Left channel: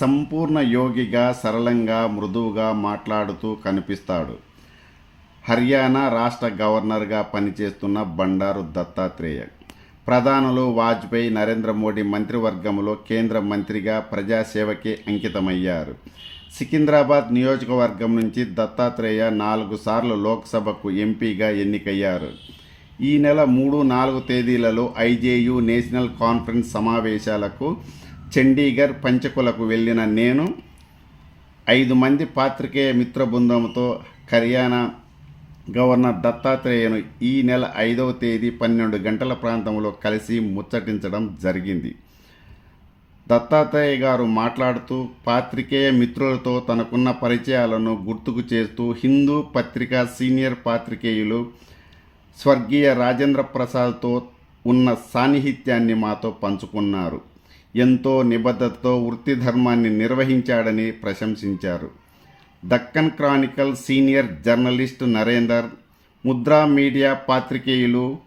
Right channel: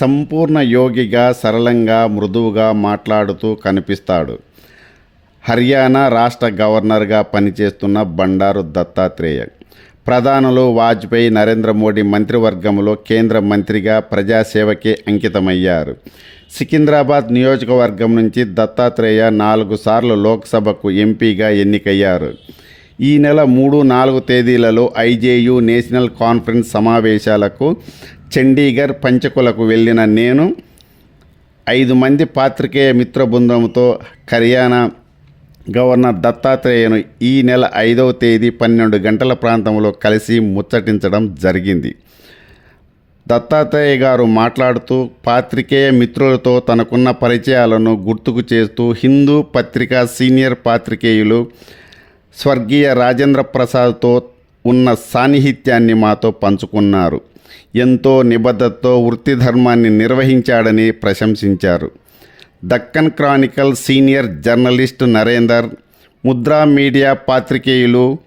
సంపూర్ణ యోగిగా సరళంగా మృదువుగా మాట్లాడుతూ కనిపిస్తాడు. హర్యానా రాష్ట్ర గవర్నర్గా పనిచేస్తున్న బండారు దత్తాత్రేయ. ప్రధానులు వాజ్పేయి నరేంద్ర మోడీ మంత్రివర్గంలో కేంద్ర మంత్రిగా ప్రజాసేవకే అంకితమయ్యారు. సికింద్రాబాద్ నియోజకవర్గం నుంచి దత్తాత్రేయ నాలుగు సార్లు లోక్సభకు ఎంపీగా ఎన్నికయ్యారు. ఈ నెల మూడు నాలుగు తేదీలలో ఐజేయు నేషనల్ కాన్ఫరెన్స్ సమావేశాలకు చండీగఢ్ పంచకులకు వెళ్ళిన నేను ఐదు మంది పాత్రికేయ మిత్ర బృందంతో హర్యానా గవర్నర్ దత్తాత్రేయను ఈ నెల ఐదవ తేదీ పన్నెండు గంటల ప్రాంతంలో కలిసి ముచ్చటించడం జరిగింది. దత్తాత్రేయ గారు మాట్లాడుతూ పాత్రికేయ మిత్రులతో తనకున్న పరిచయాలను గుర్తుకు చేస్తూ హిందూ పత్రిక సీనియర్ పాత్రికేయులు స్వర్గీయ రాజేంద్ర ప్రసాద్తో ఉన్న సాన్నిహిత్యాన్ని మాతో పంచుకున్నారు. ఎంతో నిబద్ధతతో వృత్తి ధర్మాన్ని నిర్వహించాడని ప్రశంసించారు. Deccan Chronicle senior journalist Narender Mudra media పాత్రికేయులు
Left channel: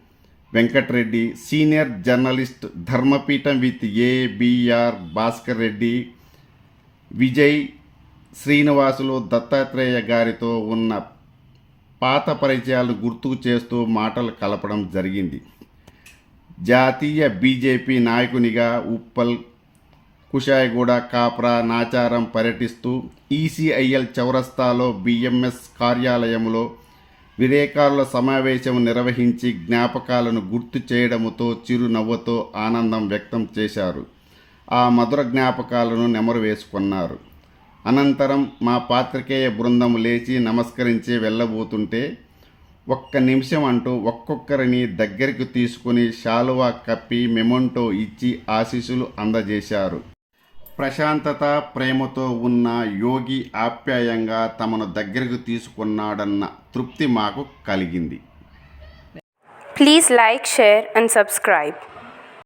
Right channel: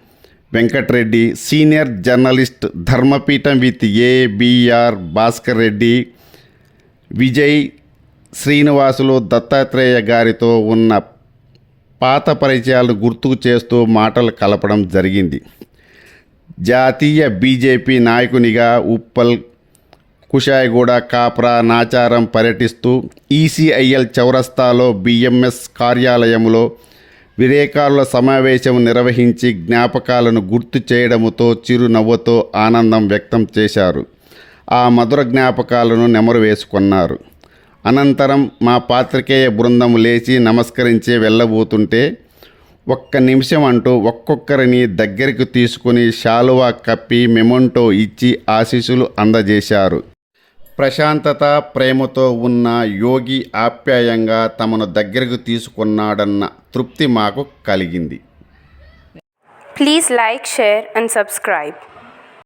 Venkatareddy senior journalist Dharmapeetham with ABR Bhaskar Reddy Vijay Srinivasulu Dattatreya గారితో ఉన్న పాత పరిచయాలను గుర్తుకు చేస్తూ మాటలు కలపడం జరిగింది. జాతీయ బీజేపీ నాయకునిగా ఉప్పల్ కుషాయిగూడ కాప్రా నాచారం పర్యటిస్తూ ఈసీఐఎల్ చౌరస్తాలో బిఎంఎస్ కార్యాలయంలో విరేకారుల సమావేశం నిర్వహించి జ్ఞాపకాలను గుర్తు చేయడముతో చిరునవ్వుతో ఆనందం వ్యక్తం చేశారు. ఆ మధుర జ్ఞాపకాలను నెమరు వేసుకున్నారు. అనంతరం మా పాత్రికేయ బృందం లేచి నమస్కరించి వెళ్ళబోతుంటే ఒక్క నిమిషం అంటూ ఒక్కొక్కరిని దగ్గరికి తీసుకుని శాలువా కప్పి మెమొంటో ఇచ్చి ఆశీస్సులు అందజేశారు. ప్రశాంతత ప్రేమతో ఉన్న యోగి ఆప్యాయంగా తమను దగ్గరకు తీసుకున్నాడన్న తృప్తి మాకు కలిగింది. Please like share and subscribe